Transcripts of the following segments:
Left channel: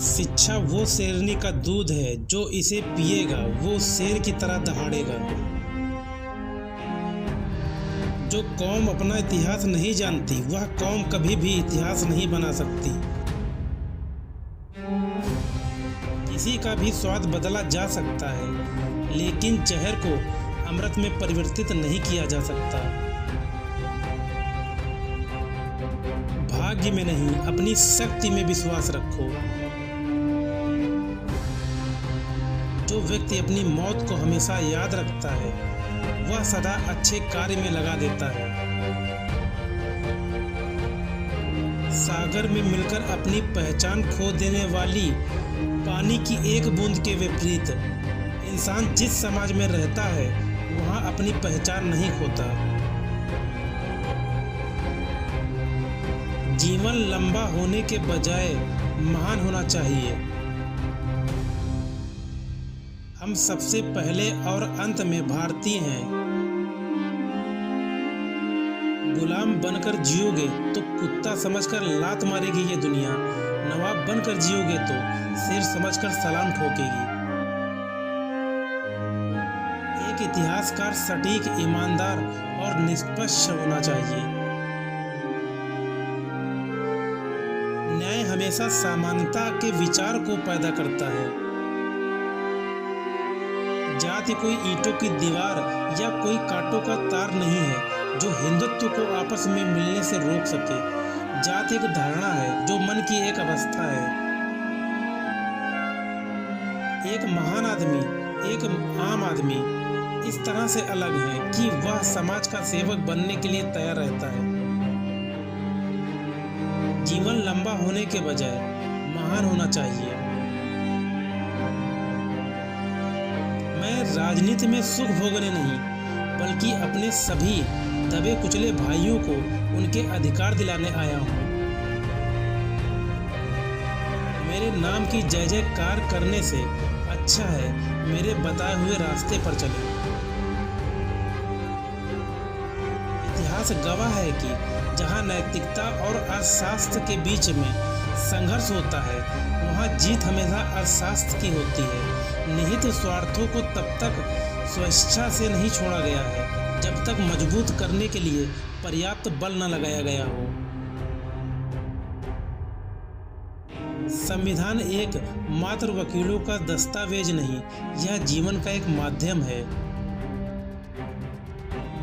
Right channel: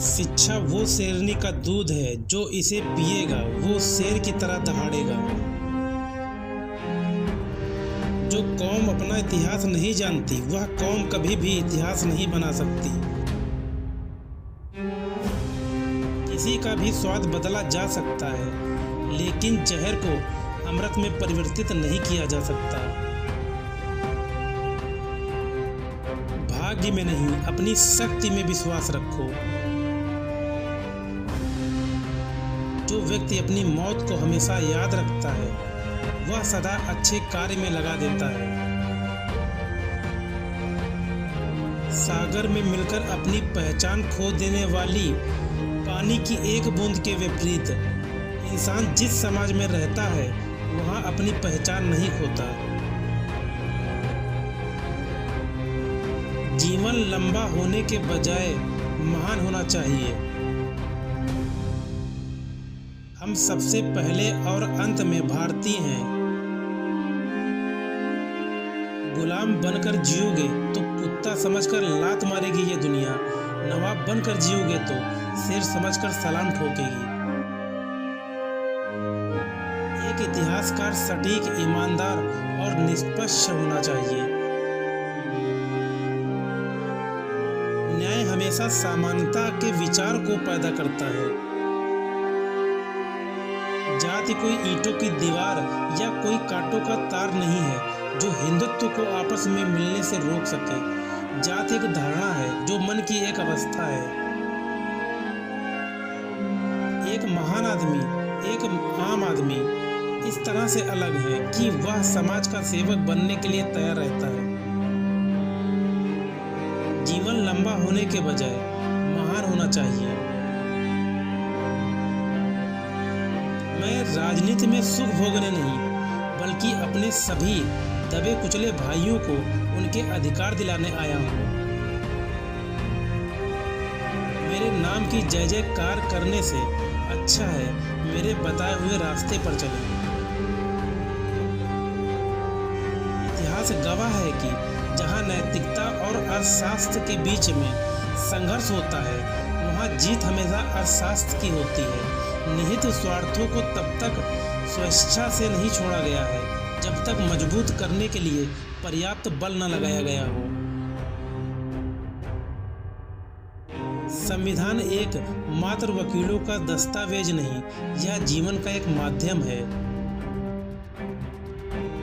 शिक्षा वो शेरनी का दूध है, जो इसे पिएगा वो शेर की तरह दहाड़ेगा। जो कौम अपना इतिहास नहीं जानती वह कौम कभी भी इतिहास नहीं बना सकती। किसी का भी स्वाद बदला जा सकता है, लेकिन जहर को अमृत में परिवर्तित नहीं किया जा सकता। भाग्य में नहीं, अपनी शक्ति में विश्वास रखो। जो व्यक्ति अपनी मौत को हमेशा याद रखता है वह सदा अच्छे कार्य में लगा देता है। सागर में मिलकर अपनी पहचान खो देने वाली पानी की एक बूंद के विपरीत इंसान जिस समाज में रहता है वहां अपनी पहचान नहीं खोता। जीवन लंबा होने के बजाय महान होना चाहिए। हम सबसे पहले और अंत में भारतीय हैं। गुलाम बनकर जियोगे तो कुत्ता समझकर लात मारेगी ये दुनिया, नवाब बनकर जियोगे तो शेर समझकर सलाम ठोकेगी। एक इतिहासकार सटीक, ईमानदार और निष्पक्ष होना चाहिए। न्याय हमेशा समानता के विचार को पैदा करता है। जाति कोई ईंटों की दीवार या कोई कांटों का तार नहीं है जो हिंदुत्व को आपस में मिलने से रोक सके। जाति एक धारणा है जो मन की एक अवस्था है। एक महान आदमी, एक आम आदमी इस तरह से अलग है कि वह समाज का सेवक बनने के लिए तैयार रहता है। जीवन लंबा होने के बजाय महान होना चाहिए। मैं राजनीति में सुख भोगने नहीं, बल्कि अपने सभी दबे कुचले भाइयों को उनके अधिकार दिलाने आया हूँ। मेरे नाम की जय जयकार करने से अच्छा है मेरे बताए हुए रास्ते पर चलें। इतिहास गवाह है कि जहाँ नैतिकता और अर्थशास्त्र के बीच में संघर्ष होता है वहाँ जीत हमेशा अर्थशास्त्र की होती है। निहित स्वार्थों को तब तक स्वेच्छा से नहीं छोड़ा गया है जब तक मजबूत करने के लिए पर्याप्त बल न लगाया गया हो। संविधान एक मात्र वकीलों का दस्तावेज नहीं, यह जीवन का एक माध्यम है।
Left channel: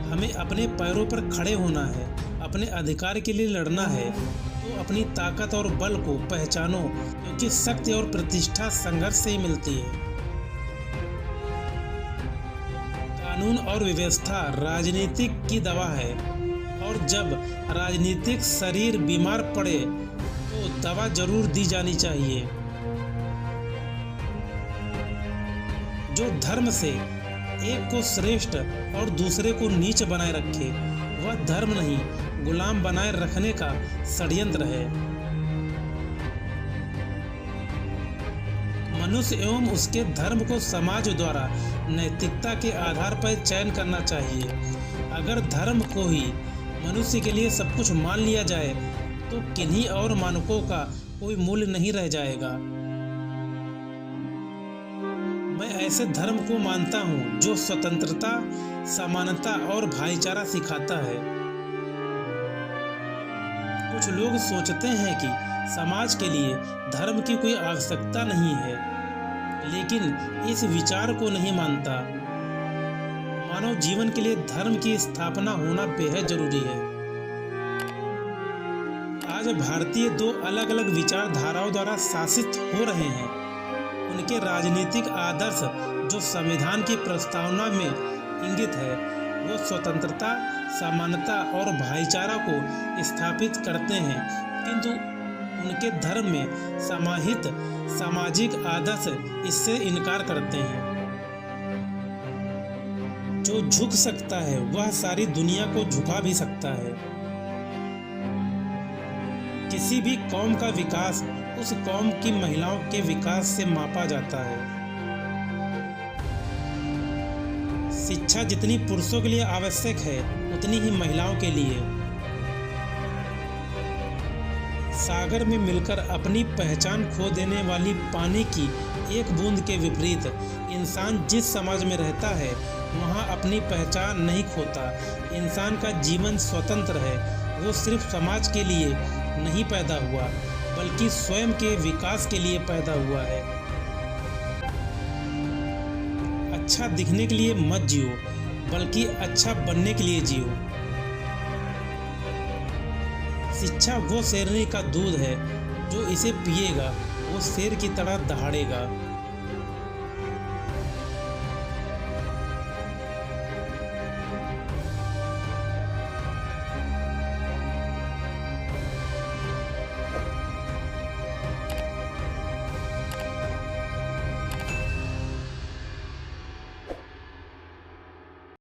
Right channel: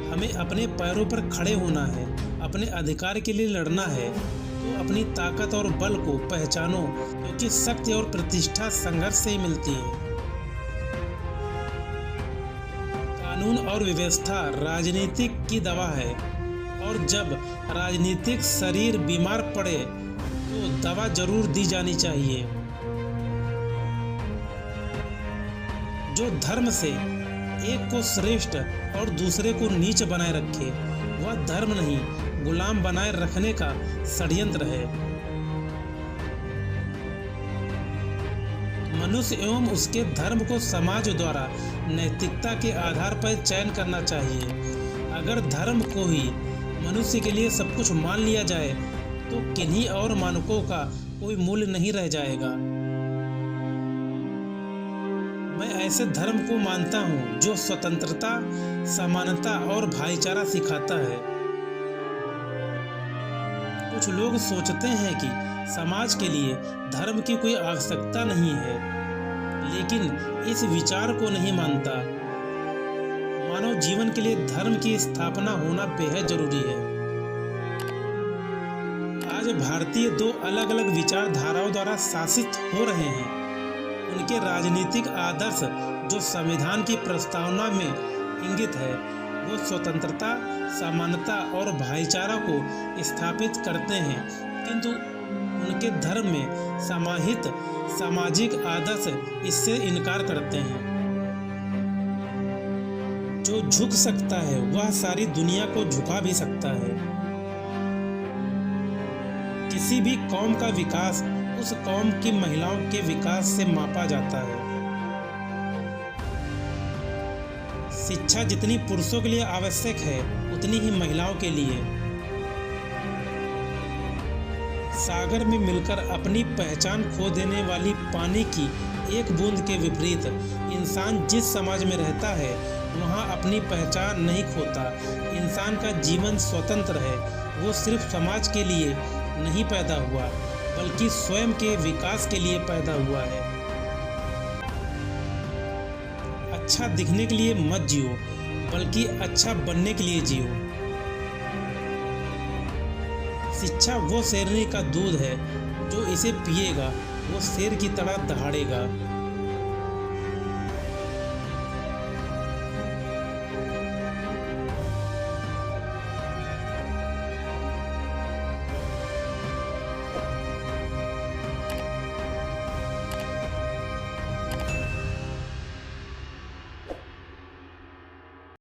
हमें अपने पैरों पर खड़े होना है, अपने अधिकार के लिए लड़ना है तो अपनी ताकत और बल को पहचानो, क्योंकि शक्ति और प्रतिष्ठा संघर्ष से ही मिलती है। कानून और व्यवस्था राजनीतिक की दवा है, और जब राजनीतिक शरीर बीमार पड़े तो दवा जरूर दी जानी चाहिए। जो धर्म से एक को श्रेष्ठ और दूसरे को नीच बनाए रखे वह धर्म नहीं, गुलाम बनाए रखने का षड्यंत्र है। मनुष्य एवं उसके धर्म को समाज द्वारा नैतिकता के आधार पर चयन करना चाहिए। अगर धर्म को ही मनुष्य के लिए सब कुछ मान लिया जाए तो किन्हीं और मानकों का कोई मूल्य नहीं रह जाएगा। मैं ऐसे धर्म को मानता हूँ जो स्वतंत्रता, समानता और भाईचारा सिखाता है। कुछ लोग सोचते हैं कि समाज के लिए धर्म की कोई आवश्यकता नहीं है, लेकिन इस विचार को नहीं मानता। मानव जीवन के लिए धर्म की स्थापना होना बेहद जरूरी है। आज भारतीय दो अलग अलग विचारधाराओं द्वारा शासित हो रहे हैं। उनके राजनीतिक आदर्श जो संविधान की प्रस्तावना में इंगित है वो स्वतंत्रता, समानता और भाईचारा को स्थापित करते हैं, किंतु उनके धर्म में समाहित सामाजिक आदर्श इससे इनकार करते हैं। जो झुक सकता है वह सारी दुनिया को झुका भी सकता है। किसी भी कौम का विकास उस कौम की महिलाओं के विकास से मापा जाता है। शिक्षा जितनी पुरुषों के लिए आवश्यक है उतनी ही महिलाओं के लिए। सागर में मिलकर अपनी पहचान खो देने वाली पानी की एक बूंद के विपरीत इंसान जिस समाज में रहता है वहाँ अपनी पहचान नहीं खोता। इंसान का जीवन स्वतंत्र है। वो सिर्फ समाज के लिए नहीं पैदा हुआ बल्कि स्वयं के विकास के लिए पैदा हुआ है। अच्छा दिखने के लिए मत जियो बल्कि अच्छा बनने के लिए जियो। शिक्षा वो शेरनी का दूध है, जो इसे पिएगा वो शेर की तरह दहाड़ेगा।